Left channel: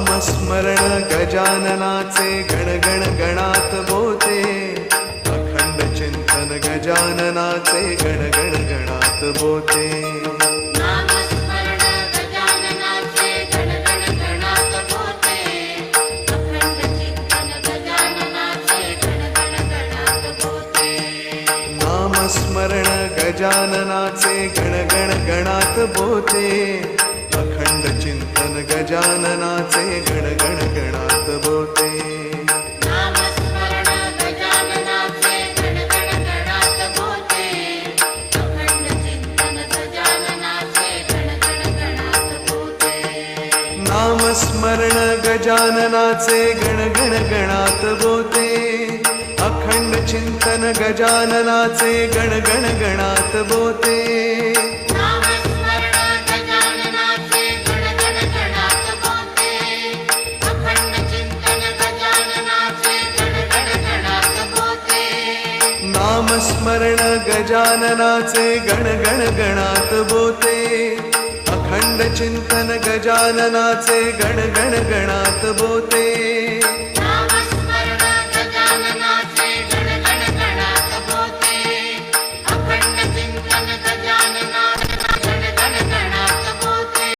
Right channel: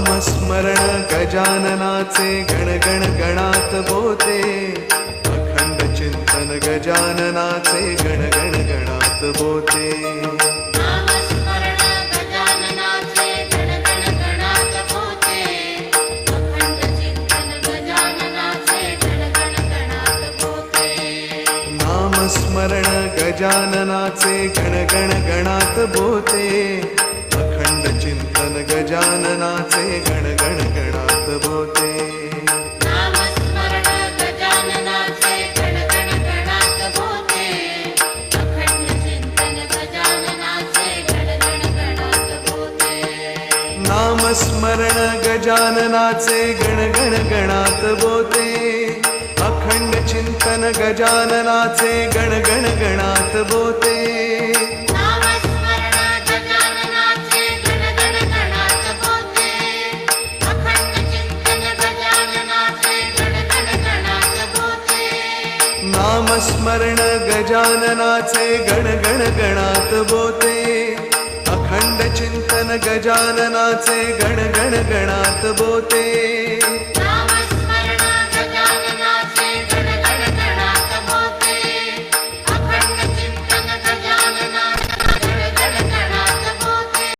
नामस्मरण गजाननाचे गणगण गणात बोते, अखंड चिंतन गजाननाचे गणगण गणात बोते। नामस्मरण गजाननाचे गणगण गणात बोते, अखंड चिंतन गजाननाचे गणगण गणात बोते। नामस्मरण गजाननाचे गणगण गणात बोते, अखंड चिंतन गजाननाचे गणगण गणात बोते। नामस्मरण गजाननाचे गणगण गणात बोते, अखंड चिंतन गजाननाचे गणगण गणात बोते।